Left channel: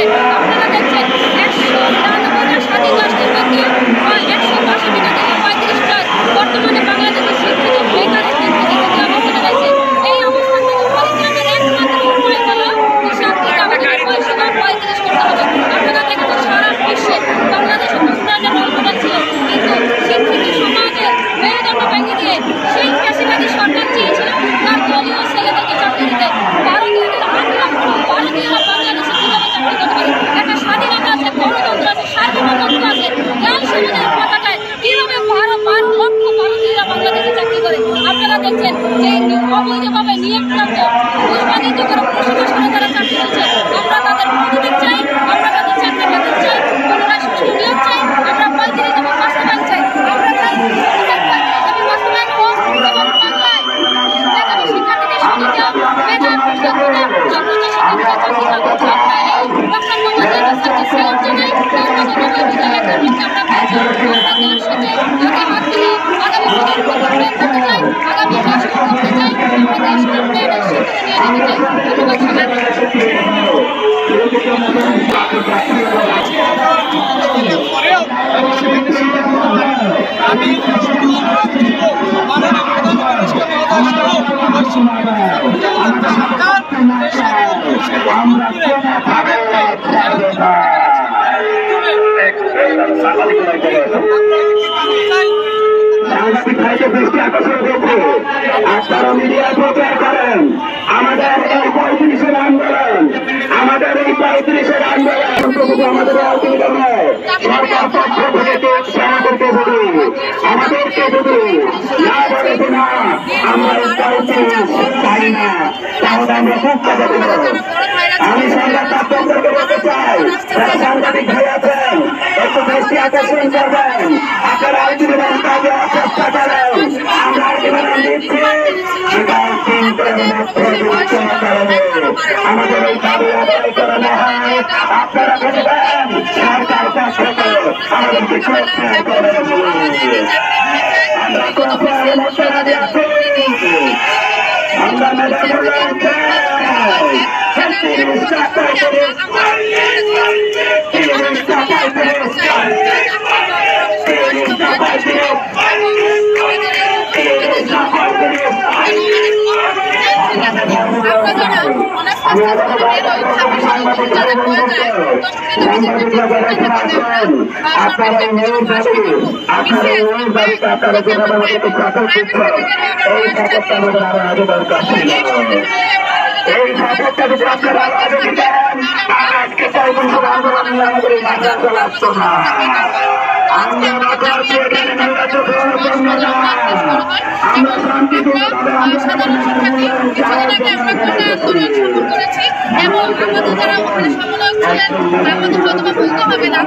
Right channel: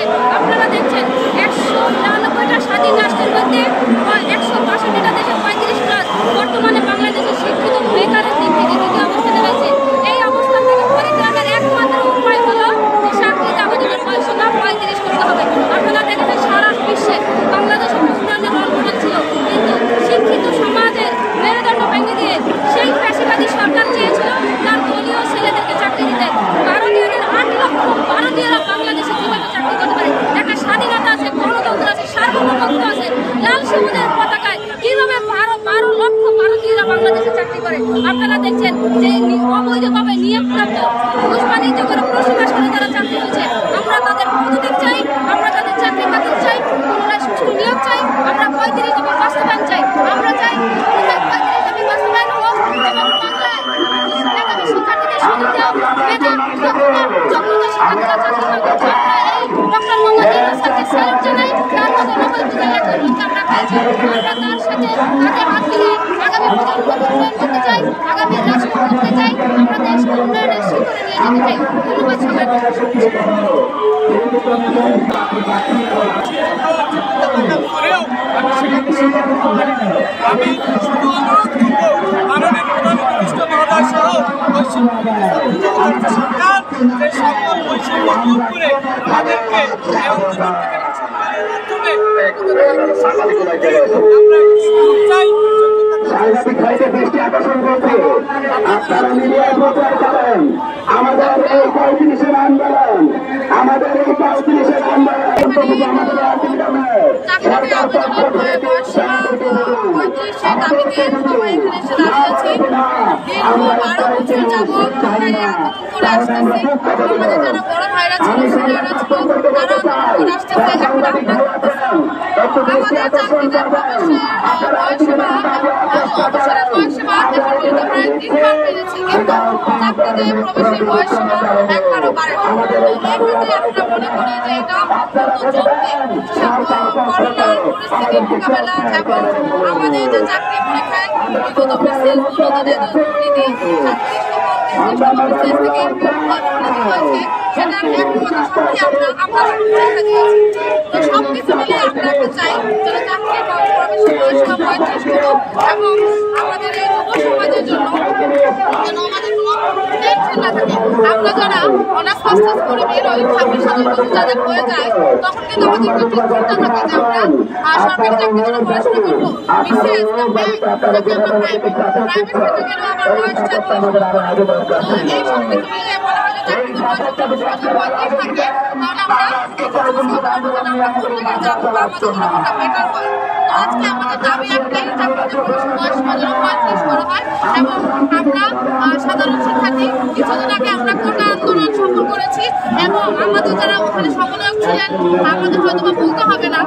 হয়েছে। আপনারা দেখছেন 199টা স্বাধীন রাষ্ট্রের মধ্যে 162টা দেশে 35 লাখ বর্তমানে বাংলাদেশের শিক্ষিত বেকারের দিক থেকে যে অবস্থানে রয়েছে, এই অবস্থান থেকে পরিত্রাণের একমাত্র উপায় হলো যে শান্তিতে আমাদের পয়সাটা পরিত্রাণ করতে হবে। আপনারা দেখেছেন সারা বিশ্বে বাংলাদেশ উন্নয়নের রোল মডেল ছিল, কিন্তু শিক্ষিত সমাজের মেরুদণ্ড ভেঙে দিয়ে সেই ফ্যাসিবাদী সরকার চেয়েছিল তার দলীয় ছেলেদেরকে চাকরি দিতে। ভারতীয়দের 8 লক্ষ ভারতীয়রা বাংলাদেশে কিভাবে চাকরি করতে পারে? একটা স্বাধীনতা আছে, গণতন্ত্র আছে, সার্বভৌমত্ব আছে, লাল সবুজের পতাকায় কিভাবে 12 লক্ষ ভারতীয়রা বাংলাদেশে চাকরি করে? আপনারা দেখছেন যে অবৈধভাবে নিয়োগপ্রাপ্ত ঘুষ বাণিজ্য করে 19 মাস করে তারা চাকরি করছে। আমরা তাদের পদত্যাগ চাই, আমরা তাদের চাকরি বাতিল চাই, পুনরায় সুষ্ঠু নিয়োগ চাই, আমরা 35 দফা বাস্তবায়ন চাই। আমরা চাই 35 দফা বাস্তবায়ন হোক এবং বাংলায় মেধাবী শিক্ষার্থীদের সুযোগ মেধা যোগ্যতা শিক্ষার্থীরা চাকরি করতে চাই। ডক্টর মোহাম্মদ ইউনূস স্যারকে স্যালুট জানাই, তার মতো নবীর বিজয় একজন লোককে আমরা পেয়েছি। আমরা তার সাথে হাতে হাত মিলিয়ে আগামী প্রজন্মকে উন্নয়ন করতে চাই, আগামী দেশকে করতে চাই, আমরা দেশকে উন্নয়নের শিখরে নিয়ে যেতে চাই। ধন্যবাদ আমি শুধু অনুরোধ করব মাননীয় প্রধান উপদেষ্টা মহোদয় সহ সরকার যে সকল বৈষম্য দূর করে আমাদেরকে আমাদের এই 35-এর আন্দোলন, আমাদের এই 35-এর আন্দোলন আমাদের অসুবিধা নয়। সরকার পক্ষ থেকে সেনাদেরকে বলি, আমাদেরকে যদি না আমরা 35 চাই না, তাহলে আমরা খুব কথা দেব। আমি সংবাদ মাধ্যমকে বলতে চাই, যারা সাংবাদিক ভাই আছেন একটু দৃষ্টি আকর্ষণ করবেন। আপনারা আন্দোলন কাজে চেষ্টা করেন, আমরা আন্দোলন দিচ্ছি আমাদের এই দাবি আদায় করে নেওয়া হয়। আপনারা বুঝবেন সরকার পক্ষ থেকে আমাদেরকে চেষ্টা করেন। আমরা তো আপনার মধ্যে দাবি আছি, আমরা মেধাবীদের আমরা যারা অনার্স মাস্টার্স করে বের হই, চাকরির সুযোগ যাদের হয়ে যায়, তখন কিন্তু আমাদের কাছে চিন্তা থাকে যে আমরা সরকারি চাকরির জন্য পড়াশোনা করবো, বিসিএস কিংবা যদি আমরা প্রাইভেট সেক্টরেও আবার বয়স চাকরি এই সব কিছু সাধারণ শিক্ষার্থী কিছুদিন আগে আমরা কোটা আন্দোলন শুরু করেছি এবং আমাদের যারা ওখানে সমালোচক ছিলেন আমাদের হয়তো বলতে হবে না।